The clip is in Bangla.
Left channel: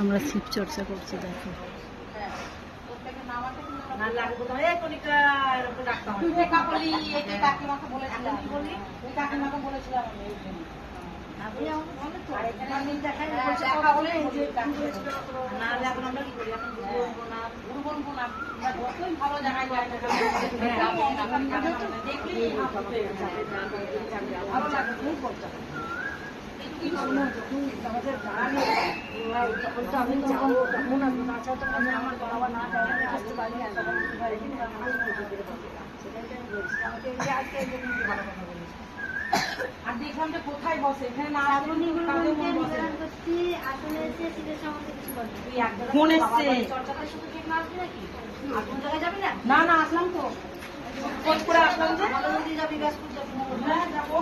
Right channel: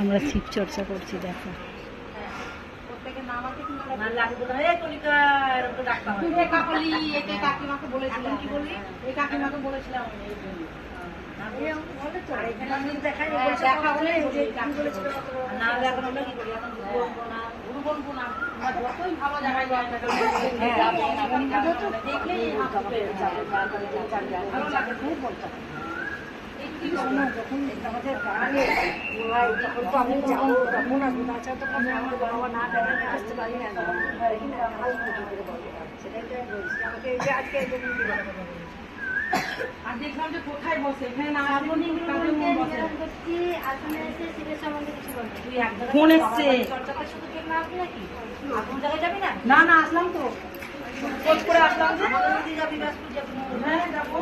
আমরা শিব চর্চা করছি, দেখো। কাকিমাকে বলেছিলাম যতই ভালো জায়গায় দেখলেই ভালো লাগে, খুব বলতে তখন তো আমি যাবো, তখন আসবো, তাছাড়া তো আমার বাবা না আসতে পারি না, সেটাই বলছি আমাকে আজকে আর দেখলাম যে কোথায় বসে, এখানে না ফোন এসছে, না না আসলাম তো খোঁজ করে আসলাম, যাবি ব্যস্ত যাবো, হ্যাঁ যাবো।